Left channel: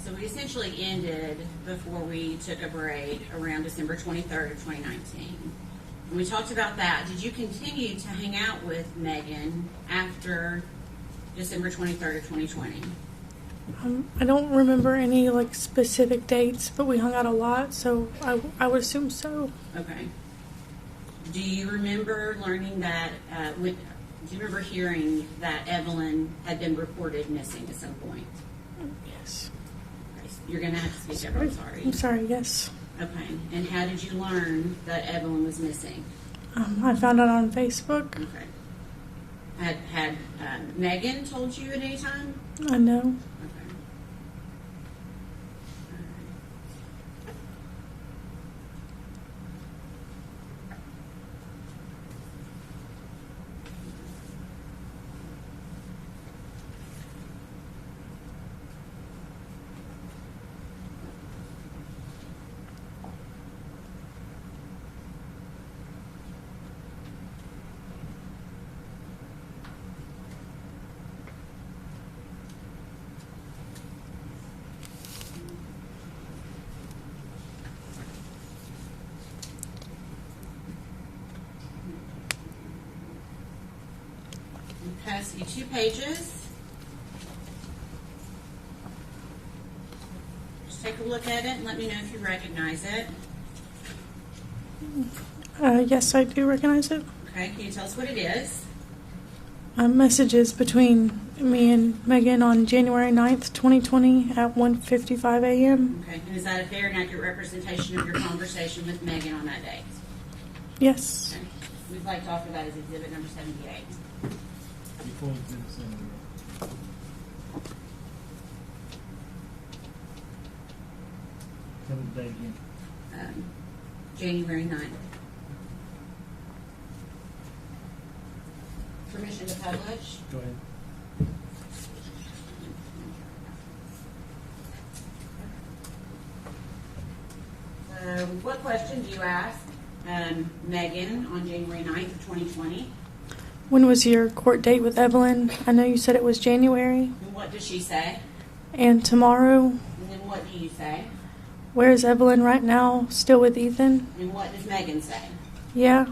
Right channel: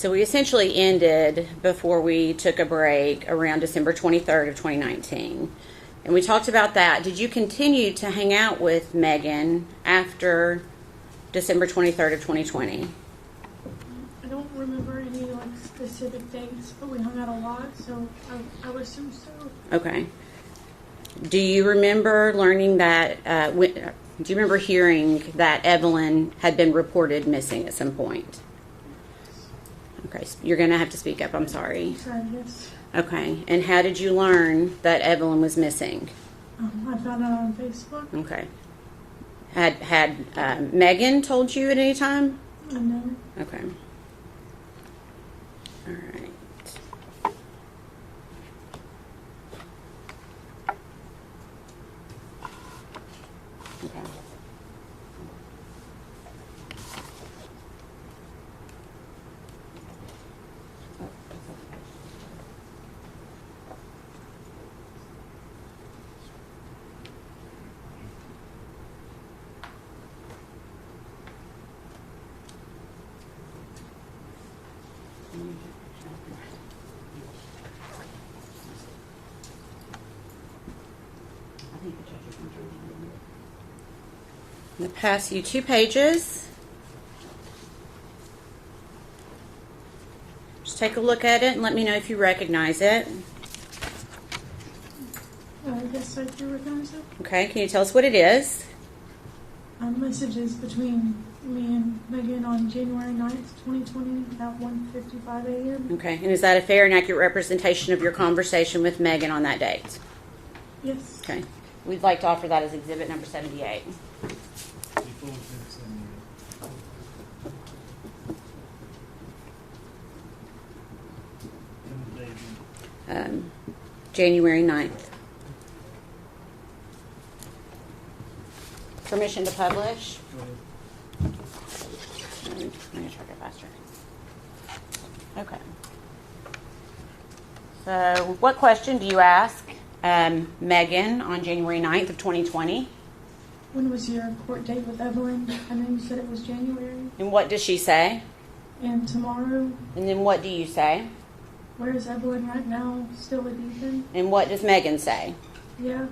So we essentially ended before we took a break around December 23rd of 2019. And we talked about that. Did you continue to hang out with Megan after December 23rd of 2020? I don't remember any specific dates, but we hung out a lot, so I would assume so. Okay. Do you remember learning that, do you remember hearing that Evelyn had been reported missing at some point? Yes. Okay, so you're going to have to speak up, I'm sorry. I'm sorry, yes. Okay, and how did you learn that Evelyn was missing? I found out on Facebook. Okay. Had Megan told you at any time? No. Okay. All right. Okay. I'm going to pass you 2 pages. Just take a look at it and let me know if you recognize it. Yes, I do recognize it. Okay, can you tell us what it is? Messages between me and Megan on January 9th, 2020 at 1:55 a.m. Okay, and is that a fair and accurate representation of your conversation with Megan on that date? Yes. Okay, we'd like to offer that as exhibit number 78. January 9th. Permission to publish? Go ahead. Let me try to go faster. Okay. So what question do you ask Megan on January 9th of 2020? When was your court date with Evelyn? I know you said it was January. And what does she say? And tomorrow. And then what do you say? Where is Evelyn right now? Still with Ethan? And what does Megan say? Yeah.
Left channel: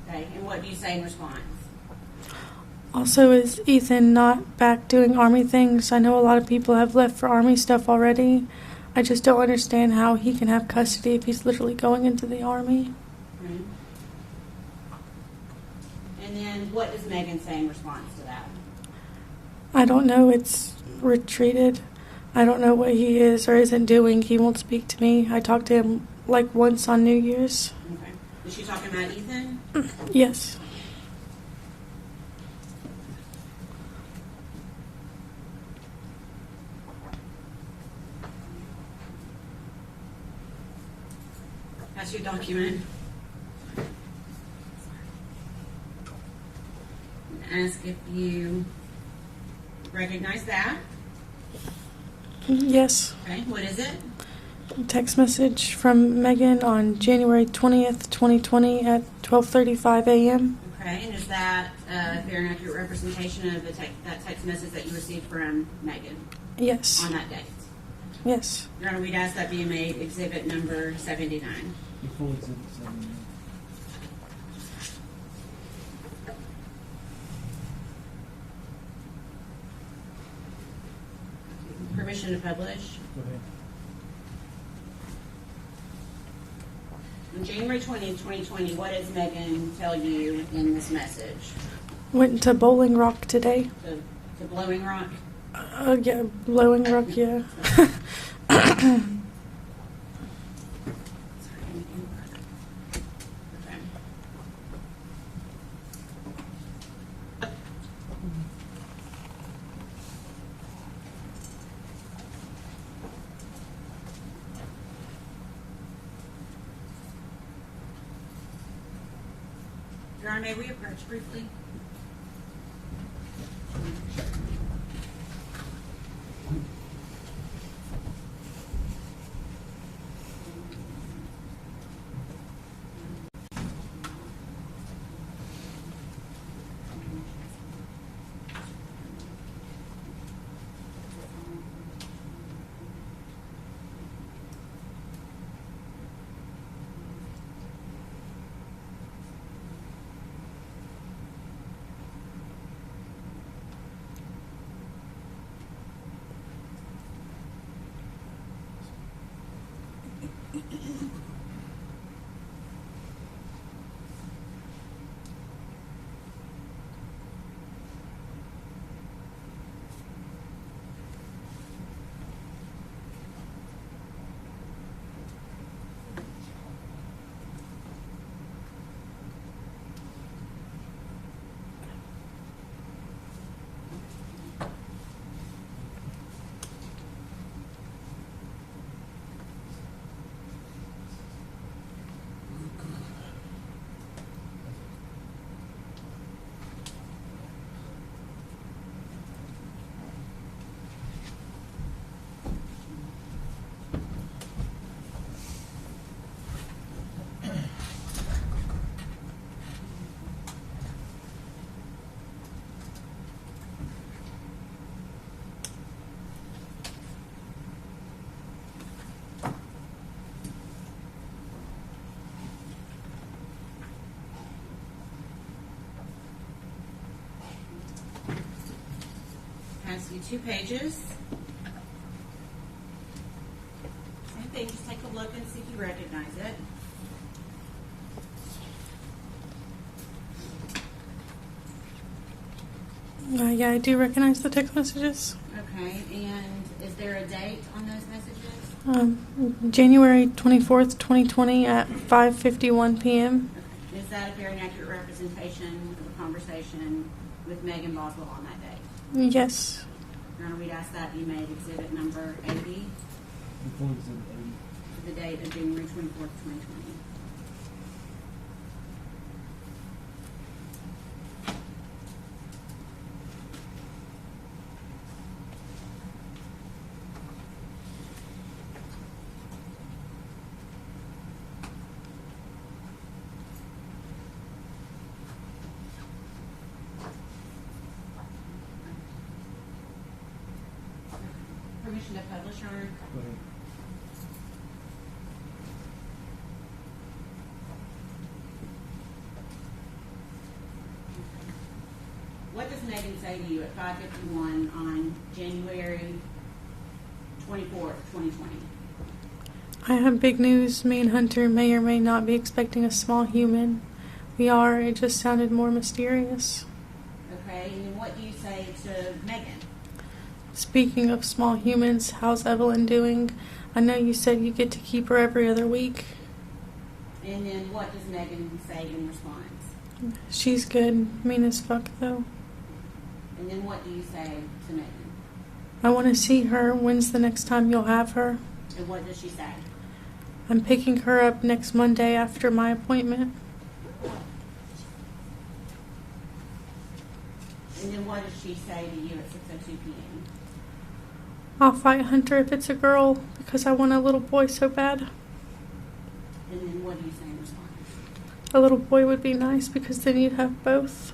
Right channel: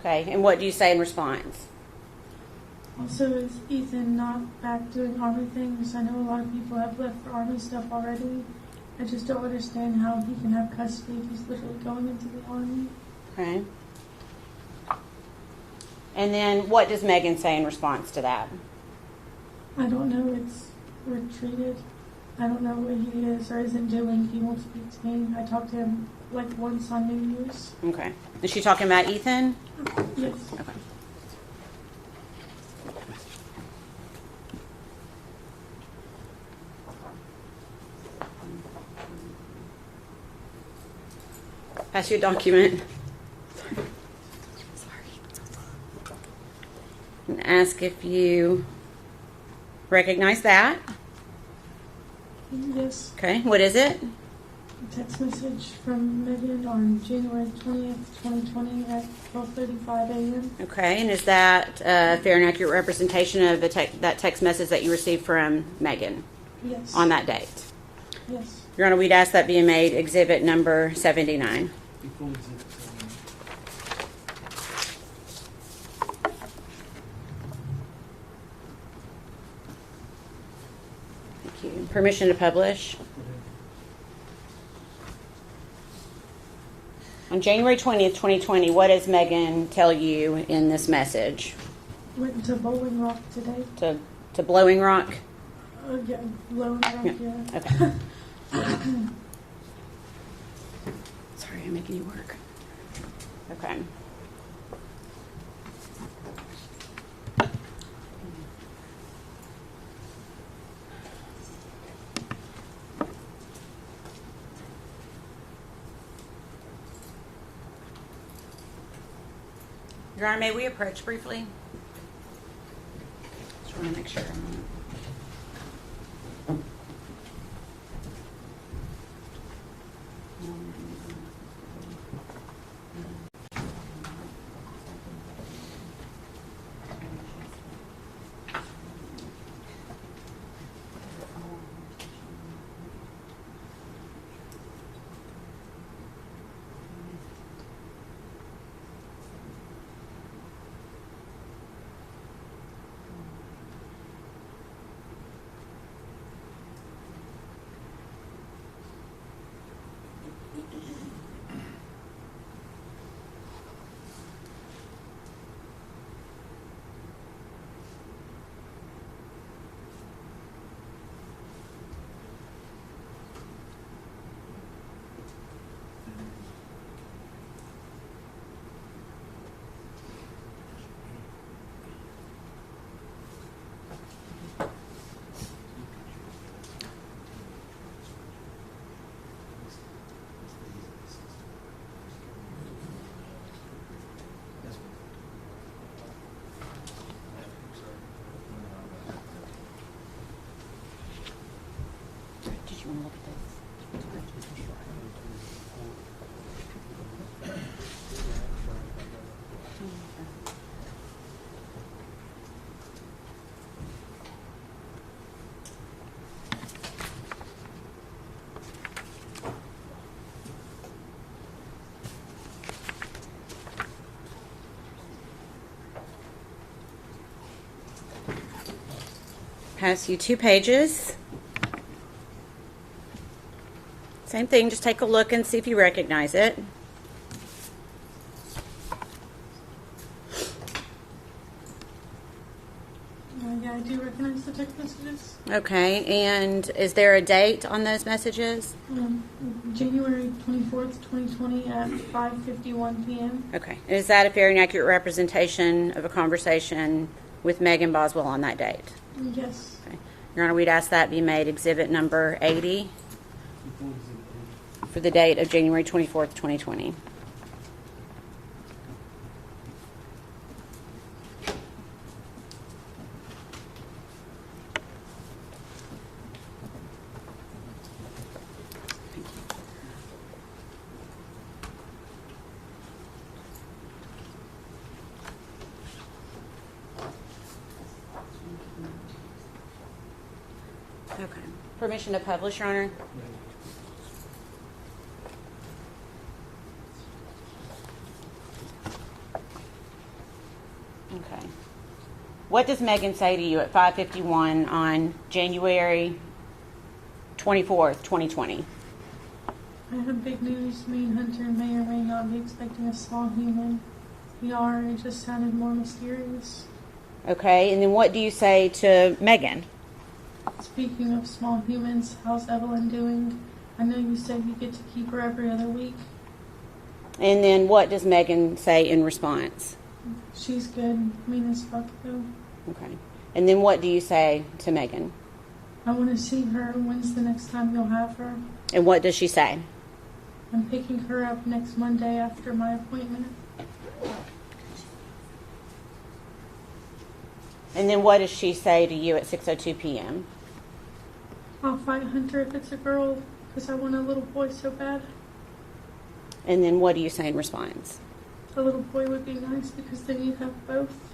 Okay, and what do you say in response? Also, is Ethan not back doing Army things? I know a lot of people have left for Army stuff already. I just don't understand how he can have custody if he's literally going into the Army. Okay. And then what does Megan say in response to that? I don't know. It's retreated. I don't know what he is or isn't doing. He won't speak to me. I talked to him once on New Year's. Okay. Is she talking about Ethan? Yes. Okay. Pass you a document. And ask if you recognize that. Yes. Okay, what is it? Text message from Megan on January 20th, 2020 at 12:35 a.m. Okay, and is that a fair and accurate representation of that text message that you received from Megan Yes. on that date? Yes. Your Honor, we'd ask that be made exhibit number 79. Before exhibit 79. Thank you. Permission to publish. Go ahead. On January 20th, 2020, what does Megan tell you in this message? Went to Bowling Rock today. To Blowing Rock? Yeah, Blowing Rock, yeah. Okay. Sorry, I'm making you work. Okay. Your Honor, may we approach briefly? Just want to make sure. pass you 2 pages. Same thing, just take a look and see if you recognize it. Yeah, I do recognize the text messages. Okay, and is there a date on those messages? January 24th, 2020 at 5:51 p.m. Okay, is that a fair and accurate representation of a conversation with Megan Boswell on that date? Yes. Okay. Your Honor, we'd ask that be made exhibit number 80 for the date of January 24th, 2020. Okay. Permission to publish, Your Honor? Okay. What does Megan say to you at 5:51 on January 24th, 2020? I have big news. Me and Hunter may or may not be expecting a small human. We are. It just sounded more mysterious. Okay, and then what do you say to Megan? Speaking of small humans, how's Evelyn doing? I know you said you get to keep her every other week. And then what does Megan say in response? She's good. Mean as fuck, though. Okay. And then what do you say to Megan? I want to see her. When's the next time you'll have her? And what does she say? I'm picking her up next Monday after my appointment. And then what does she say to you at 6:02 p.m.? I'll fight Hunter if it's a girl because I want a little boy so bad. And then what do you say in response? A little boy would be nice because then you'd have both.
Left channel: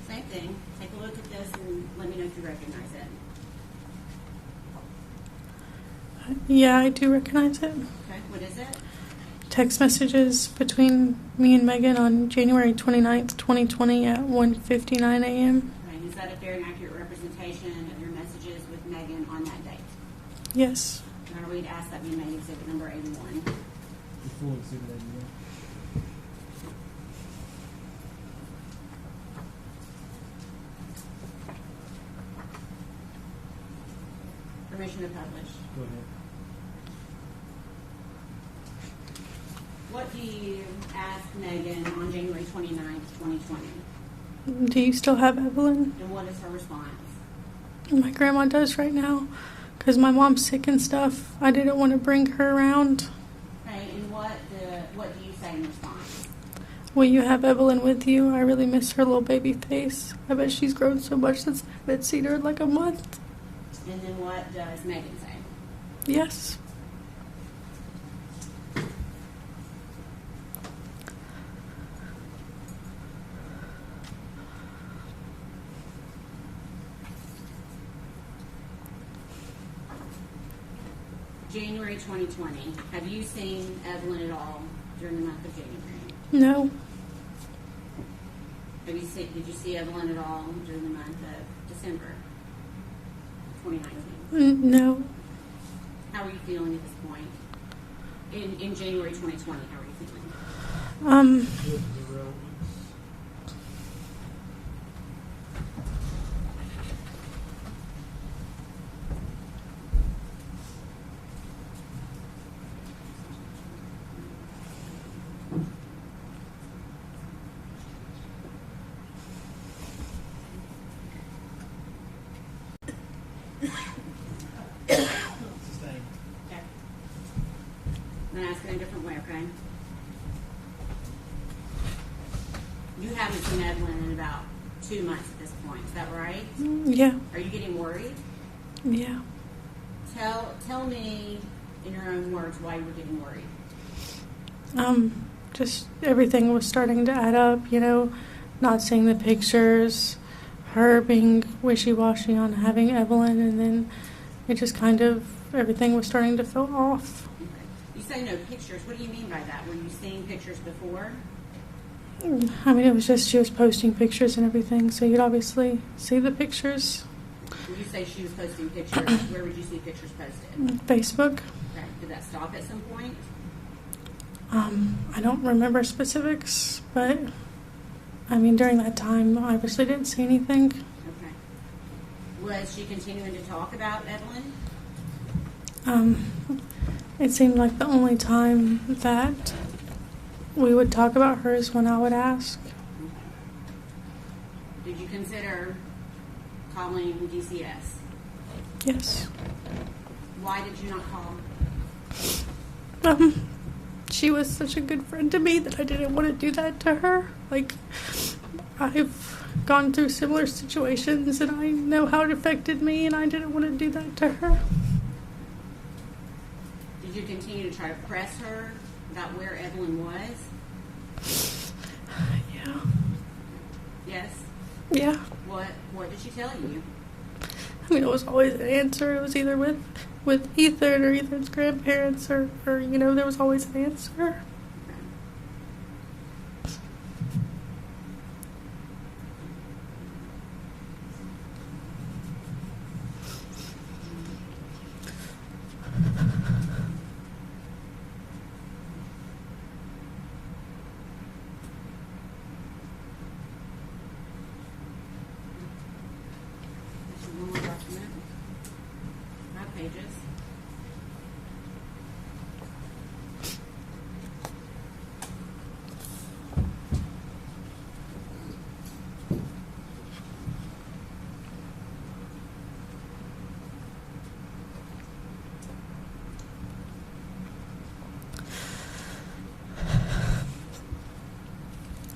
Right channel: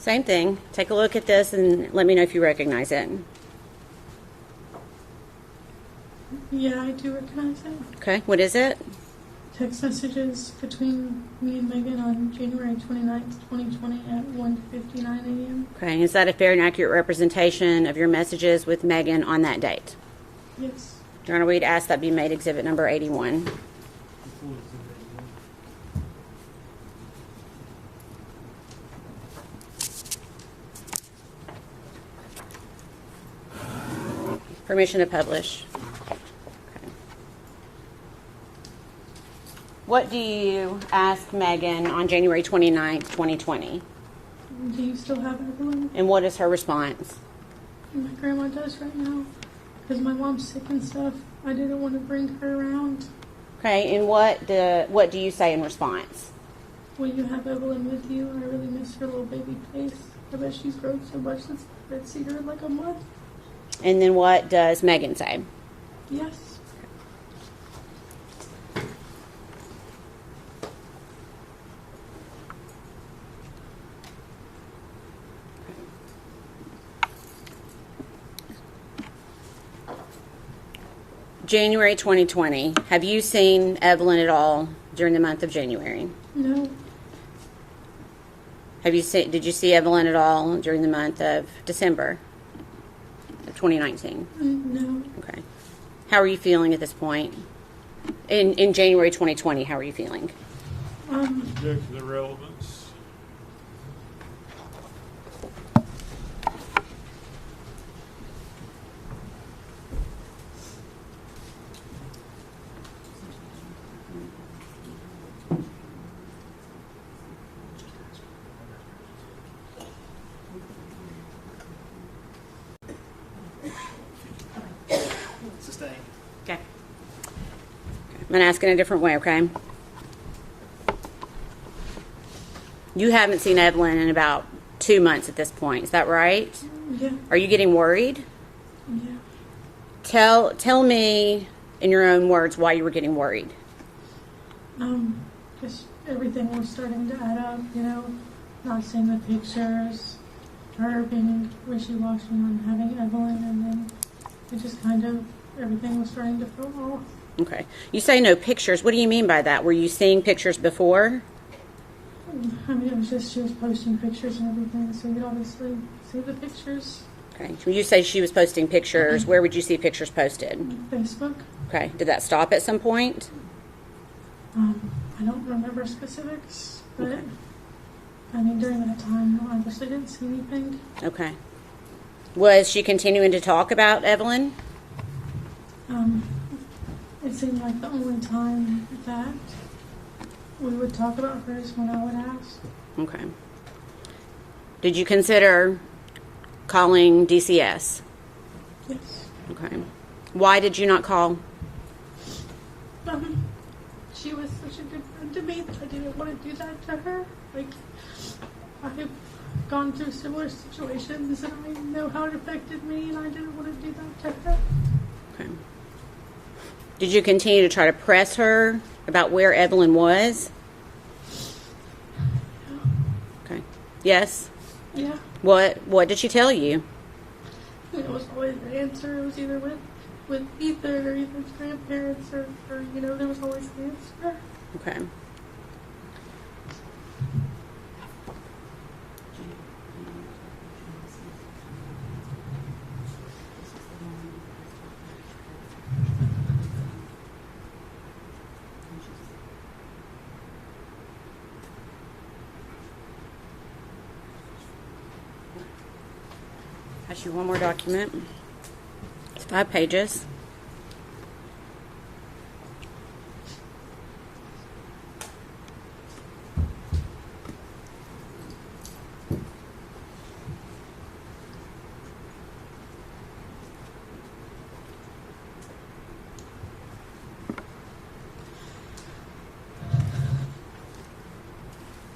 Same thing. Take a look at this and let me know if you recognize it. Yeah, I do recognize it. Okay, what is it? Text messages between me and Megan on January 29th, 2020 at 1:59 a.m. Okay, is that a fair and accurate representation of your messages with Megan on that date? Yes. Your Honor, we'd ask that be made exhibit number 81. Permission to publish. Okay. What do you ask Megan on January 29th, 2020? Do you still have Evelyn? And what is her response? My grandma does right now because my mom's sick and stuff. I didn't want to bring her around. Okay, and what do you say in response? Will you have Evelyn with you? I really miss her little baby face. I bet she's grown so much since I haven't seen her in like a month. And then what does Megan say? Yes. January 2020. Have you seen Evelyn at all during the month of January? No. Did you see Evelyn at all during the month of December of 2019? No. Okay. How are you feeling at this point? In January 2020, how are you feeling? The relevance. Sustained. Okay. I'm going to ask in a different way, okay? You haven't seen Evelyn in about 2 months at this point. Is that right? Yeah. Are you getting worried? Yeah. Tell me in your own words why you were getting worried. Just everything was starting to add up, not seeing the pictures, her being wishy-washy on having Evelyn, and then it just kind of, everything was starting to feel off. Okay. You say no pictures. What do you mean by that? Were you seeing pictures before? I mean, it was just she was posting pictures and everything, so you'd obviously see the pictures. Okay. When you say she was posting pictures, where would you see pictures posted? Facebook. Okay. Did that stop at some point? I don't remember specifics, but I mean, during that time, I obviously didn't see anything. Okay. Was she continuing to talk about Evelyn? It seemed like the only time that we would talk about her is when I would ask. Okay. Did you consider calling DCS? Yes. Okay. Why did you not call? She was such a good friend to me that I didn't want to do that to her. Like, I've gone through similar situations and I know how it affected me, and I didn't want to do that to her. Okay. Did you continue to try to press her about where Evelyn was? Yeah. Okay. Yes? Yeah. What did she tell you? I mean, it was always an answer. It was either with Ethan or Ethan's grandparents or there was always an answer. Okay. Ask you one more document. It's 5 pages.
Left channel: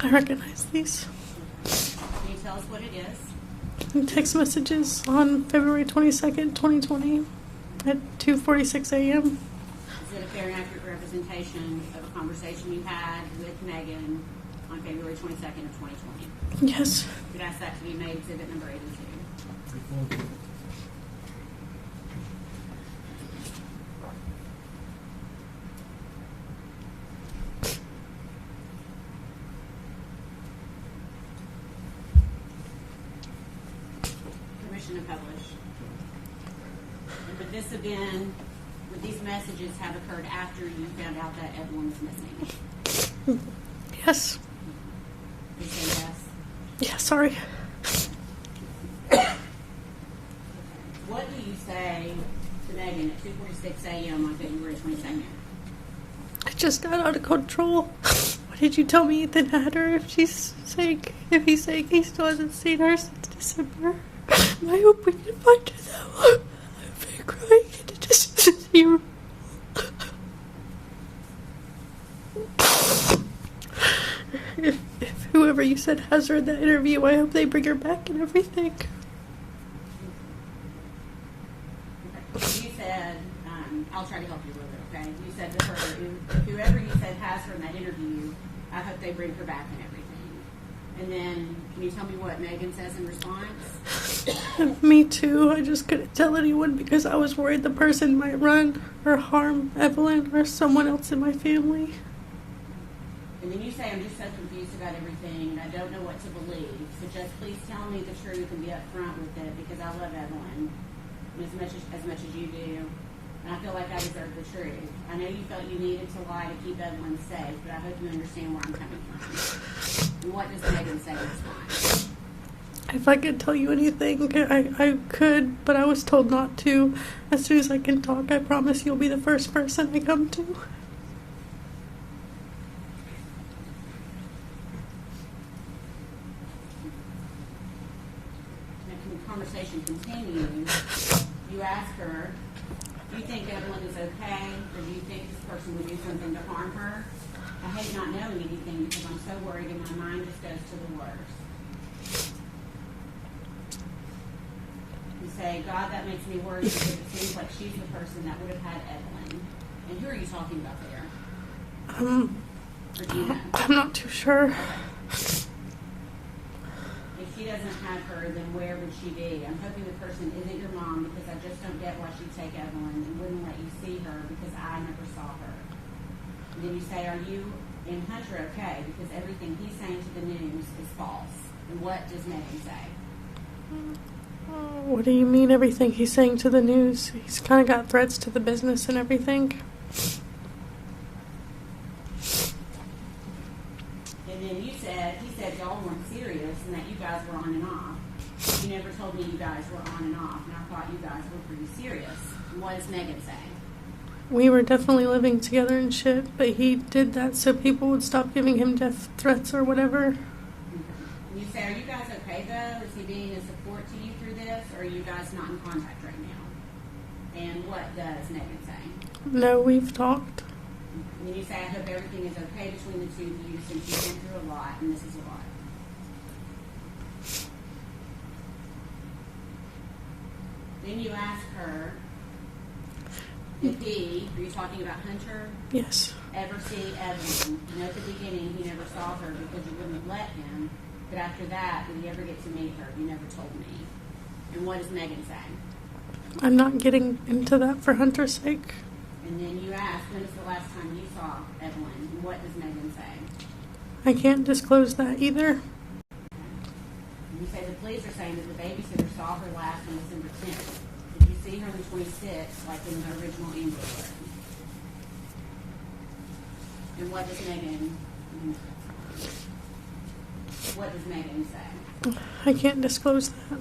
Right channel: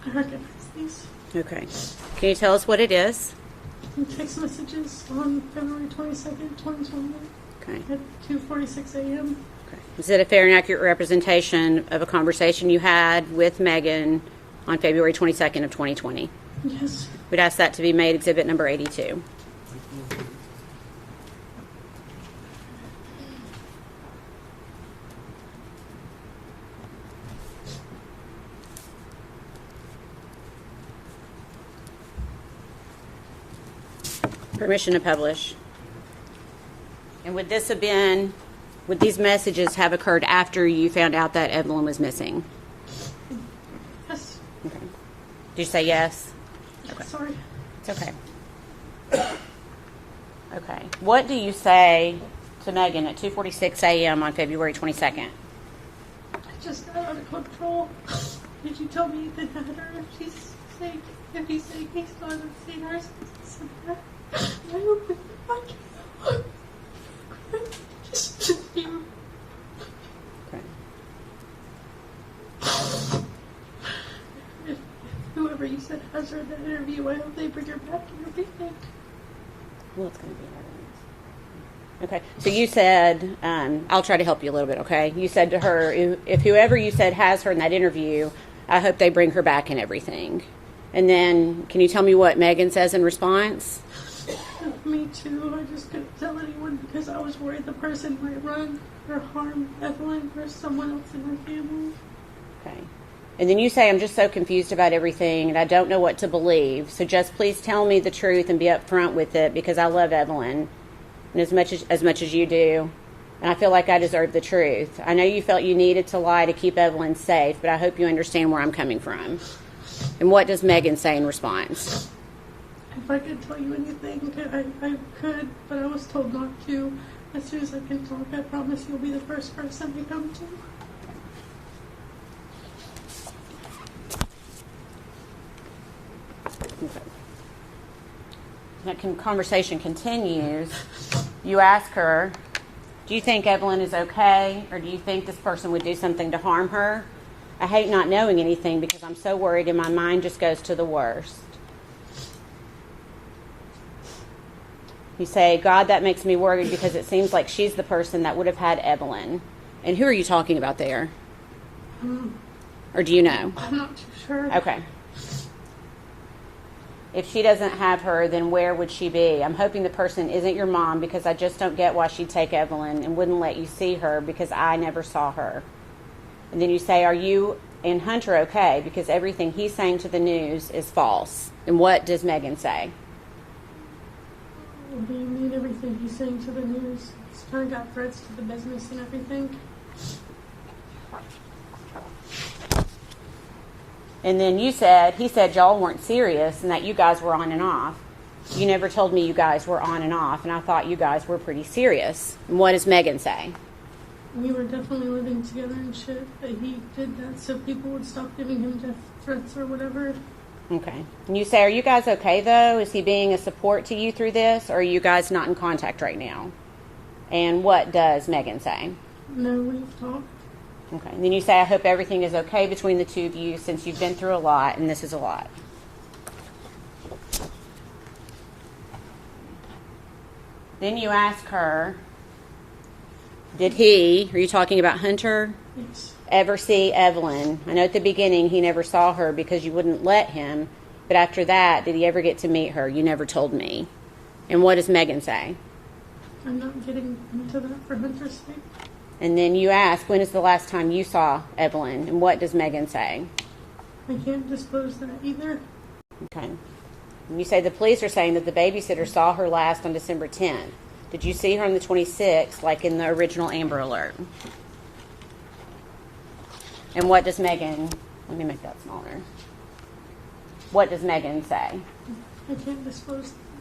I recognize these. Okay. Can you tell us what it is? Text messages on February 22nd, 2020 Okay. at 2:46 a.m. Is it a fair and accurate representation of a conversation you had with Megan on February 22nd of 2020? Yes. We'd ask that to be made exhibit number 82. Permission to publish. And would these messages have occurred after you found out that Evelyn was missing? Yes. Did you say yes? Yeah, sorry. Okay. Okay. What do you say to Megan at 2:46 a.m. on February 22nd? I just got out of control. What did you tell me Ethan had her? If he's saying he still hasn't seen her since December. I hope we can find her though. I've been crying to just see her. If whoever you said has her in that interview, I hope they bring her back and everything. Okay. So you said, I'll try to help you a little bit, okay? You said to her, if whoever you said has her in that interview, I hope they bring her back and everything. And then, can you tell me what Megan says in response? Me too. I just couldn't tell anyone because I was worried the person might run or harm Evelyn or someone else in my family. Okay. And then you say, I'm just so confused about everything and I don't know what to believe. So just please tell me the truth and be upfront with it because I love Evelyn and as much as you do. And I feel like I deserve the truth. I know you felt you needed to lie to keep Evelyn safe, but I hope you understand where I'm coming from. And what does Megan say in response? If I could tell you anything, I could, but I was told not to. As soon as I can talk, I promise you'll be the first person I come to. That conversation continues. You ask her, do you think Evelyn is okay, or do you think this person would do something to harm her? I hate not knowing anything because I'm so worried and my mind just goes to the worst. You say, God, that makes me worried because it seems like she's the person that would have had Evelyn. And who are you talking about there? Or do you know? I'm not too sure. Okay. If she doesn't have her, then where would she be? I'm hoping the person isn't your mom because I just don't get why she'd take Evelyn and wouldn't let you see her because I never saw her. And then you say, are you and Hunter okay? Because everything he's saying to the news is false. And what does Megan say? What do you mean everything he's saying to the news? He's kind of got threats to the business and everything. And then he said y'all weren't serious and that you guys were on and off. You never told me you guys were on and off, and I thought you guys were pretty serious. And what does Megan say? We were definitely living together and shit, but he did that so people would stop giving him death threats or whatever. Okay. And you say, are you guys okay, though? Is he being a support to you through this, or are you guys not in contact right now? And what does Megan say? No, we've talked. Okay. And then you say, I hope everything is okay between the two of you since you've been through a lot, and this is a lot. Then you ask her, did he, are you talking about Hunter, Yes. ever see Evelyn? I know at the beginning he never saw her because you wouldn't let him, but after that, did he ever get to meet her? You never told me. And what does Megan say? I'm not getting into that for Hunter's sake. And then you ask, when is the last time you saw Evelyn? And what does Megan say? I can't disclose that either. Okay. And you say the police are saying that the babysitter saw her last on December 10th. Did you see her on the 26th, like in the original Amber Alert? And what does Megan, let me make that smaller. What does Megan say? I can't disclose that.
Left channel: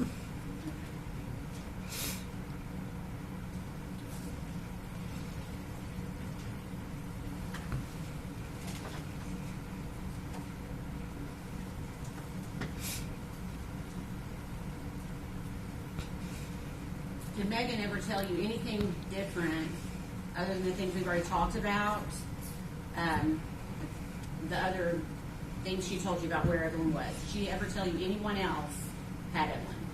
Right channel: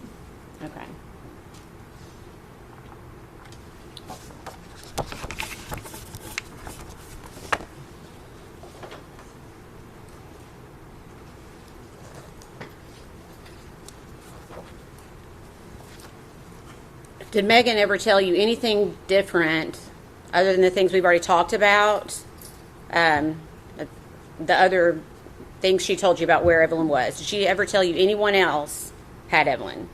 Okay. Did Megan ever tell you anything different other than the things we've already talked about? The other things she told you about where Evelyn was. Did she ever tell you anyone else had Evelyn?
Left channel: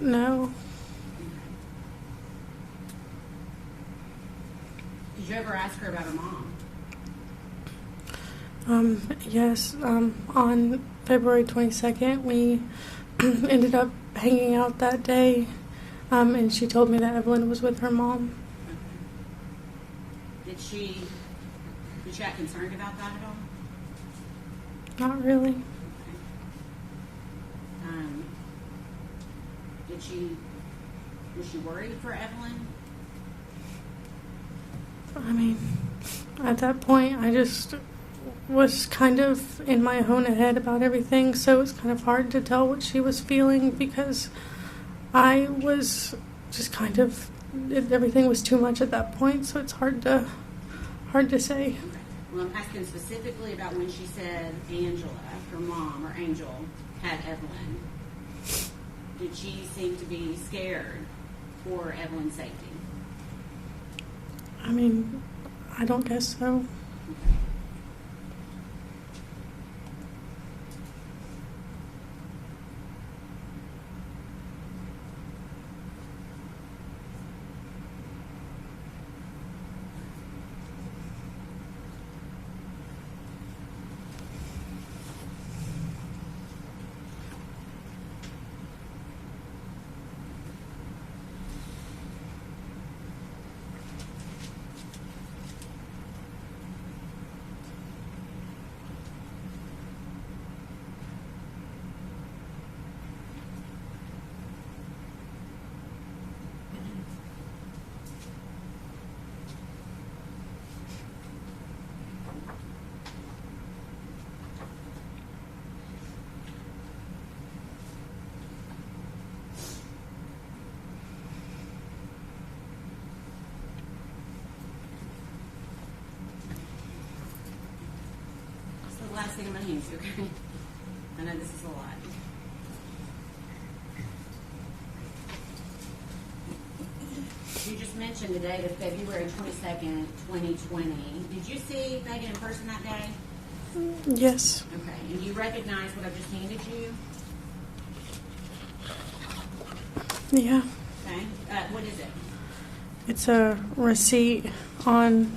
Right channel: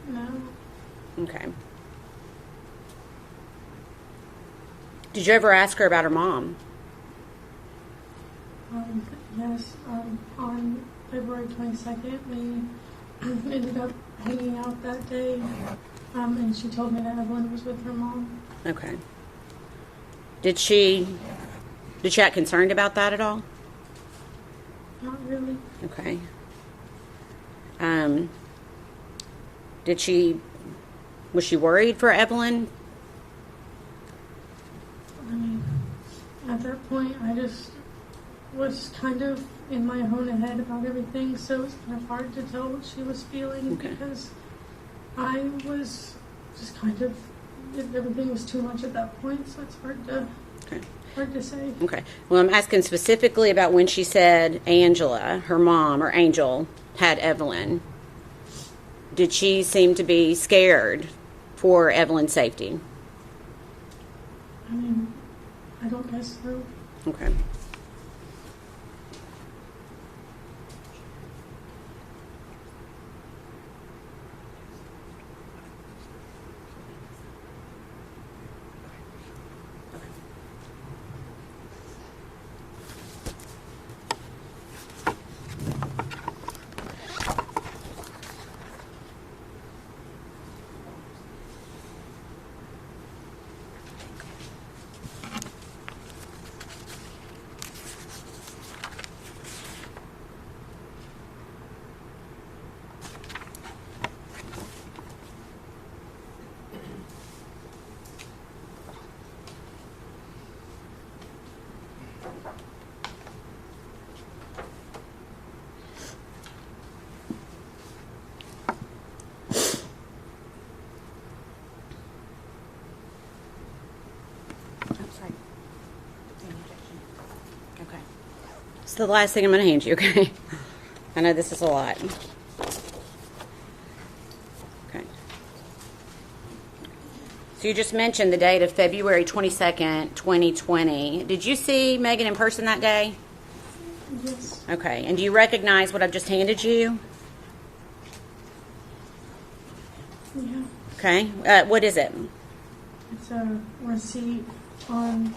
No. Okay. Did you ever ask her about her mom? Yes. On February 22nd, we ended up hanging out that day, and she told me that Evelyn was with her mom. Okay. Did she act concerned about that at all? Not really. Okay. Was she worried for Evelyn? I mean, at that point, I just was kind of in my own head about everything, so it was kind of hard to tell what she was feeling because I was just kind of, everything was too much at that point, so it's hard to say. Okay. Well, I'm asking specifically about when she said Angela, her mom, or Angel, had Evelyn. Did she seem to be scared for Evelyn's safety? I mean, I don't guess so. Okay. It's the last thing I'm going to hand you, okay? I know this is a lot. Okay. So you just mentioned the date of February 22nd, 2020. Did you see Megan in person that day? Yes. Okay. And do you recognize what I've just handed you? Yeah. Okay. What is it? It's a receipt from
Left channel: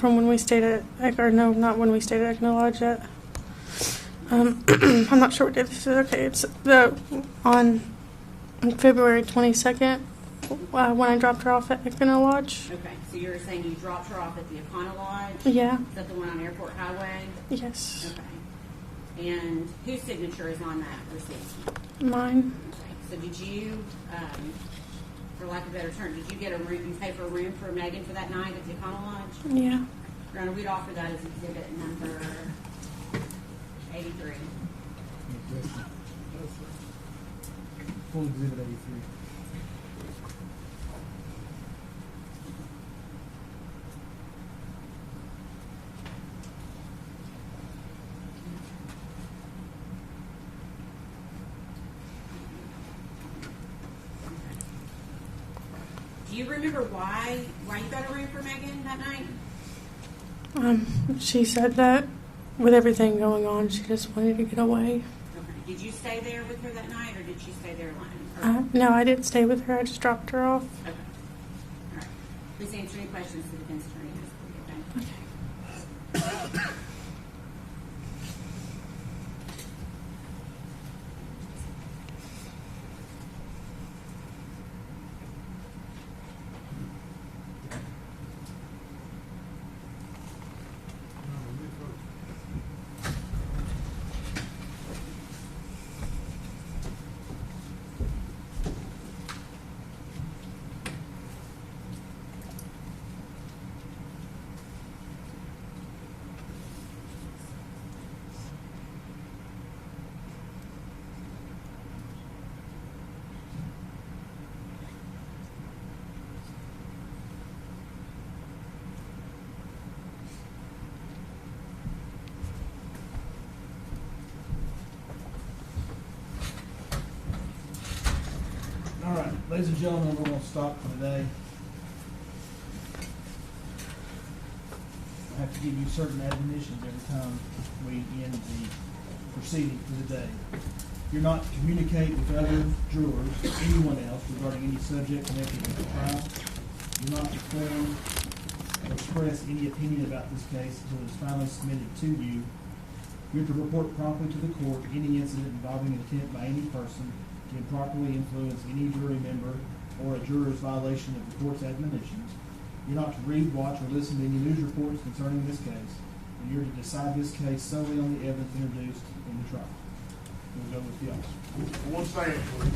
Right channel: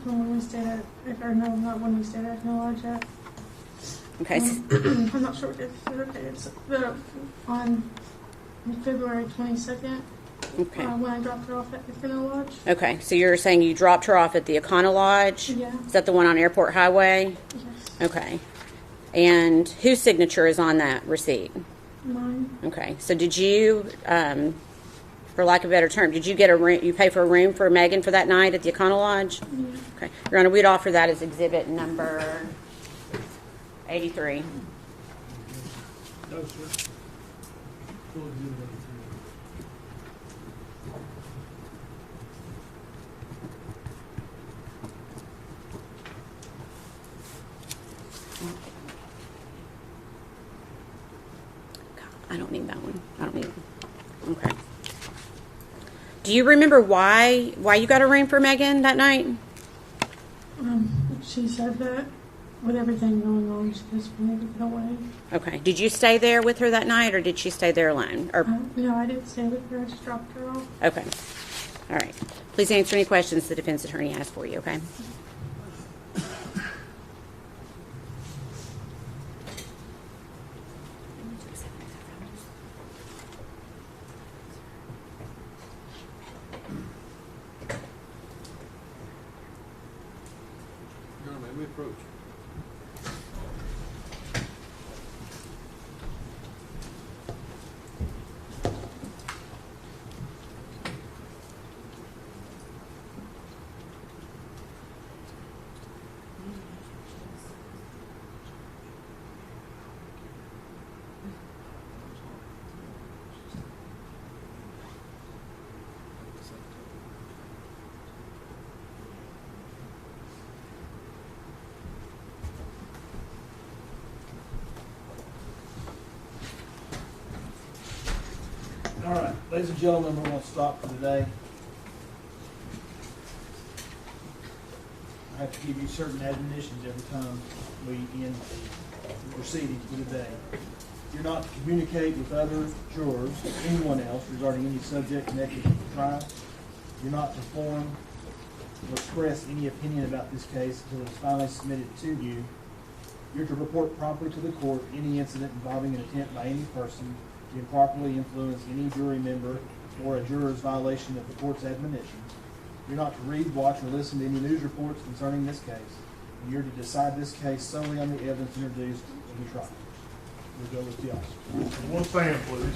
when we stayed at, or no, not when we stayed at Eggno Lodge yet. Okay. I'm not sure what day this is. Okay, it's on February 22nd when I dropped her off at Eggno Lodge. Okay. So you're saying you dropped her off at the Econo Lodge? Yeah. Is that the one on Airport Highway? Yes. Okay. And whose signature is on that receipt? Mine. Okay. So did you, for lack of a better term, did you get a room? You pay for a room for Megan for that night at the Econo Lodge? Yeah. Okay. Your Honor, we'd offer that as exhibit number 83. No, sir. Full exhibit 83. I don't need that one. I don't need it. Okay. Do you remember why you got a room for Megan that night? She said that with everything going on, she just wanted to get away. Okay. Did you stay there with her that night, or did she stay there alone? Or No, I didn't stay with her. I just dropped her off. okay. All right. Please answer any questions the defense attorney has for you. Okay. Your Honor, may we approach? All right, ladies and gentlemen, we're going to stop for today. I have to give you certain admonitions every time we end the proceedings for the day. You're not to communicate with other jurors or anyone else regarding any subject connected with the trial. You're not to form or express any opinion about this case until it's finally submitted to you. You're to report promptly to the court any incident involving an attempt by any person to improperly influence any jury member or a juror's violation of the court's admonitions. You're not to read, watch, or listen to any news reports concerning this case, and you're to decide this case solely on the evidence introduced in the trial. We'll go with the officer. One stand, please.